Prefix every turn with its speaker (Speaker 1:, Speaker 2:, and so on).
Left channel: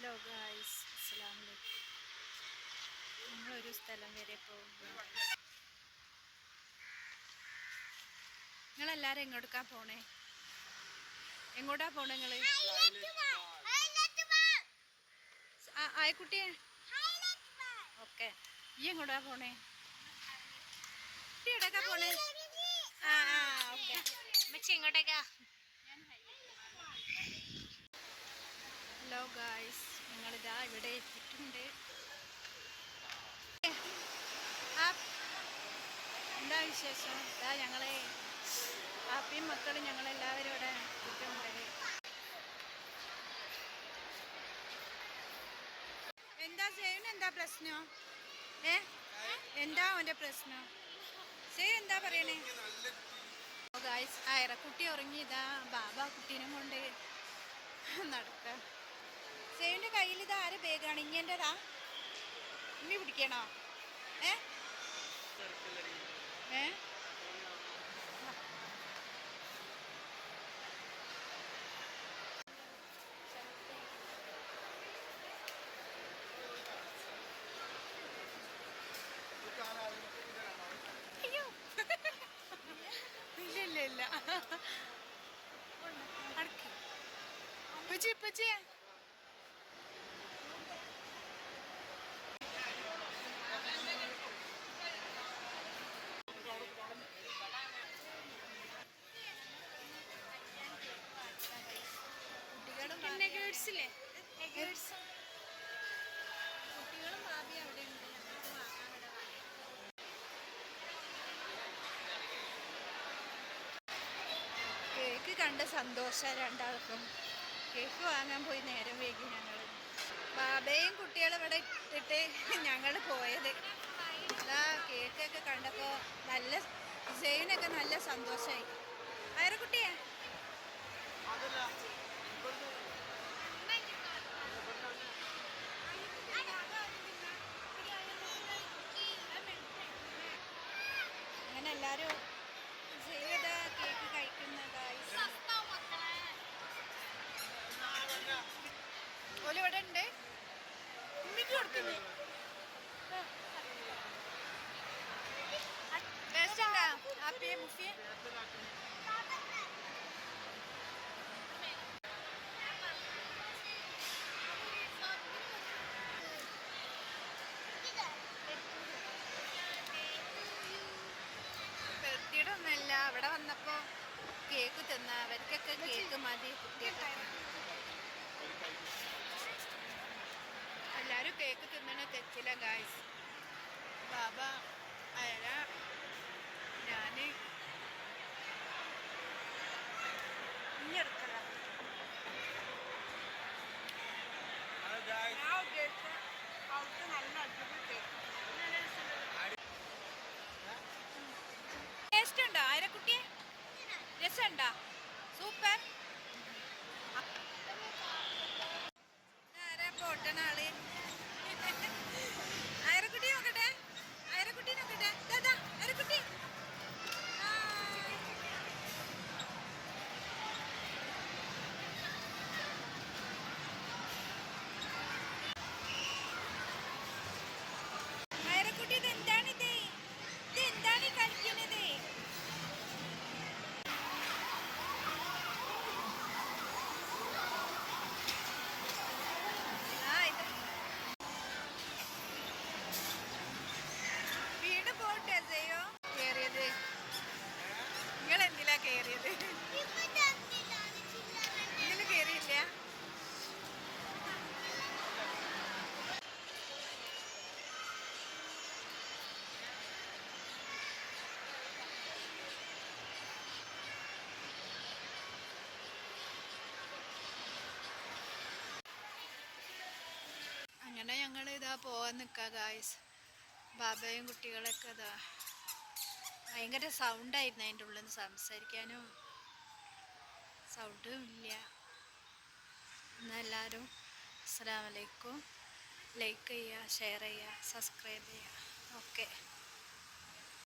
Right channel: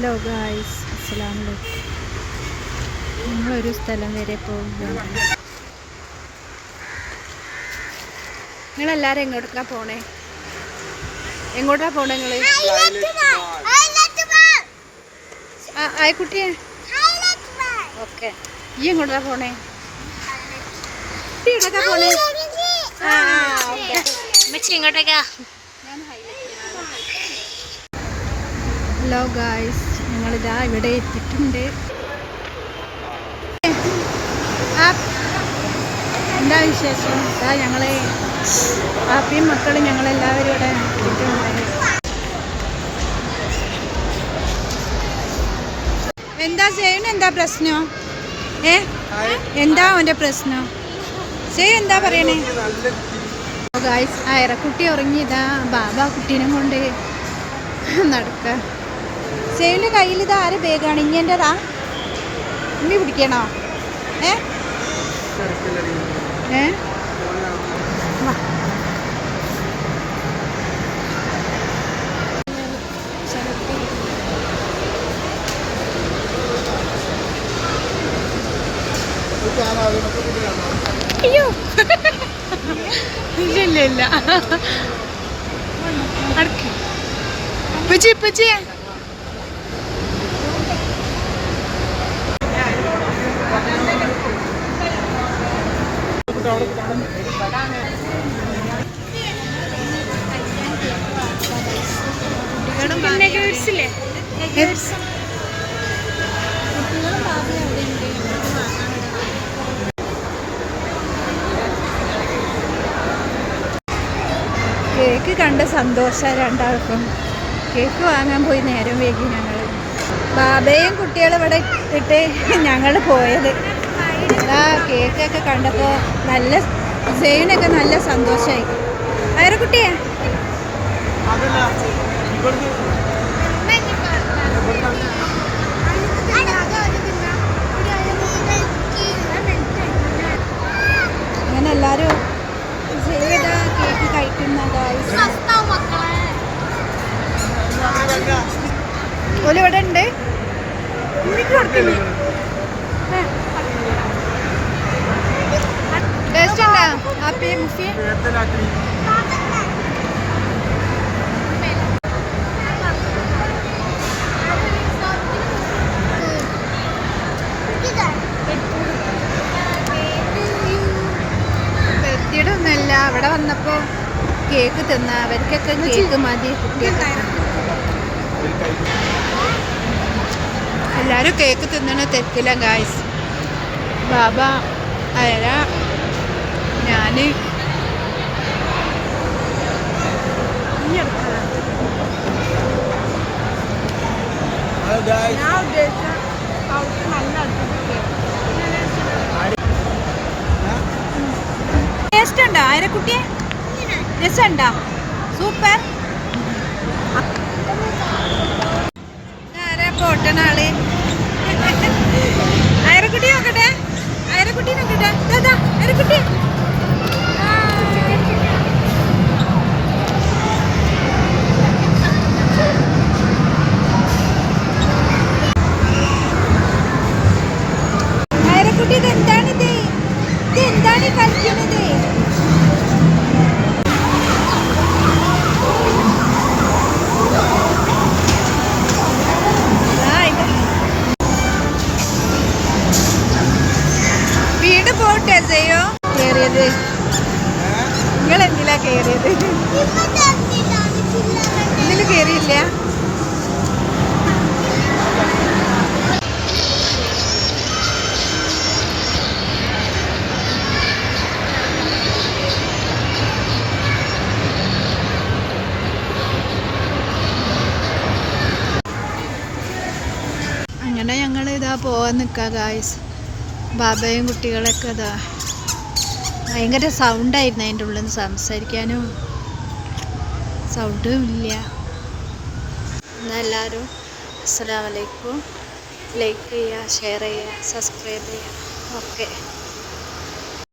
Speaker 1: Hello guys അസ്സലാമലൈക്കും ഞങ്ങളൊരു സ്ഥലം വരെ പോവുകയാണ്. നിങ്ങളെല്ലാവരും എങ്ങോട്ടാ പോണേ? എങ്ങോട്ടാ പോണേ നിങ്ങൾ? ആ ആയിക്കുട്ടിയെ. ഓക്കെ. ഈ എങ്ങോട്ടാ പോണേ? ഈ എങ്ങോട്ടാ പോണേ? ആ ഓക്കെ.
Speaker 2: ഇങ്ങോട്ടേക്കാ
Speaker 1: ഹലോ ഗായ്സ് ഞങ്ങളിതാ ഇവിടെ എത്തിയിട്ടുണ്ട്. എന്താ വിശേഷം? ഇതാ ഞങ്ങളെ പാപ്പിയും മക്കളും ഞങ്ങളെല്ലാവരും ഇവിടെ എത്തിയിട്ടുണ്ട്. എന്താ ചെയ്യണ എന്താ പ്രശ്നം? ഏ? എന്താ അവന്റെ പ്രശ്നം? ചെയ്യ എന്താ പറയണേ? ഗായ്സ് അയറക്കുട്ടി ഉറങ്ങിയതാ. ബാബ കുട്ടീനെ കൊണ്ട് നടക്ക. സെയിന്റെ കയ്യിൽ ഇത് ആരെ ബേഗാണ് ഇങ്ങന്റെതാ ഉമ്മി പിടിക്കണോ? ഏ? ഏ. അയ്യോ. ഇല്ല ഇല്ല ഇല്ല. അടുക്ക്. ഇപ്പച്ചി ഇപ്പച്ചി കേക്ക് കണ്ട സന്തോഷം രണ്ടാൾക്കും. കേക്ക് വാങ്ങാൻ പോയി നേരം വൈകി ഞങ്ങൾ ബാബയും കുട്ടികളും ഇവിടെ ഇട്ടിട്ട് ഞങ്ങൾ പോയത്. ആ കേക്കൊക്കെ കണ്ടപ്പോൾ നല്ല സെയിനൊക്കെ നല്ല സന്തോഷമായി വേറെ കുട്ടിയെ? അങ്ങനെ എല്ലാവരും ഏതാ കേക്ക് കഴിക്കുന്നതായി ഓൽ ഇവിടെ ഉണ്ട്? ടേസ്റ്റ് ഉണ്ടോ ഹാപ്പി മുഫി. അവിടെ വന്നപ്പോ കേക്ക് തിന്ന അവർക്കൊക്കെ കേക്ക് മതി എല്ലാവരും എല്ലാരും കേക്ക് തിന്നണ തെറ്റില്ല ഗായ്സ് ബാബ അയല ഞാൻ. ഞാൻ ഉദ്ദേശിച്ച അവർക്ക് നല്ല ടേസ്റ്റ് ഉണ്ടോ ആയിരക്കുട്ടിയെ? രസമുണ്ടോ? സൂപ്പർ. ആരാ പൊട്ടണ നോക്കട്ടെ. അയറക്കുട്ടി നോക്കട്ടെ. ദാ അയറക്കുട്ടി അയറക്കുട്ടി ഇത് എന്താണിത് ഇത്? എന്താണ് കളിക്കുന്നത്? കേറിയത് നിങ്ങൾ എന്തിലാ കയറിയത്? ഇതിൽ കേറിയില്ല അങ്ങനെ ഞങ്ങൾ ഇതാ പോവാൻ നിൽക്കുക ഗായ്സ് ബാബയും കുട്ടികളൊക്കെ ഇതാ. ഭയങ്കര സൗണ്ടായിരുന്നു അതിന്റെ ഉള്ളിൽ നിന്ന് സംസാരിക്കാനും. സൗണ്ടും ഇല്ല. എന്നെല്ലാവരും അസ്സാം വലൈക്കും ലൈക്ക് ചെയ്യുക ഷെയർ ചെയ്യുക സബ്സ്ക്രൈബ് ചെയ്യുക ഓക്കെ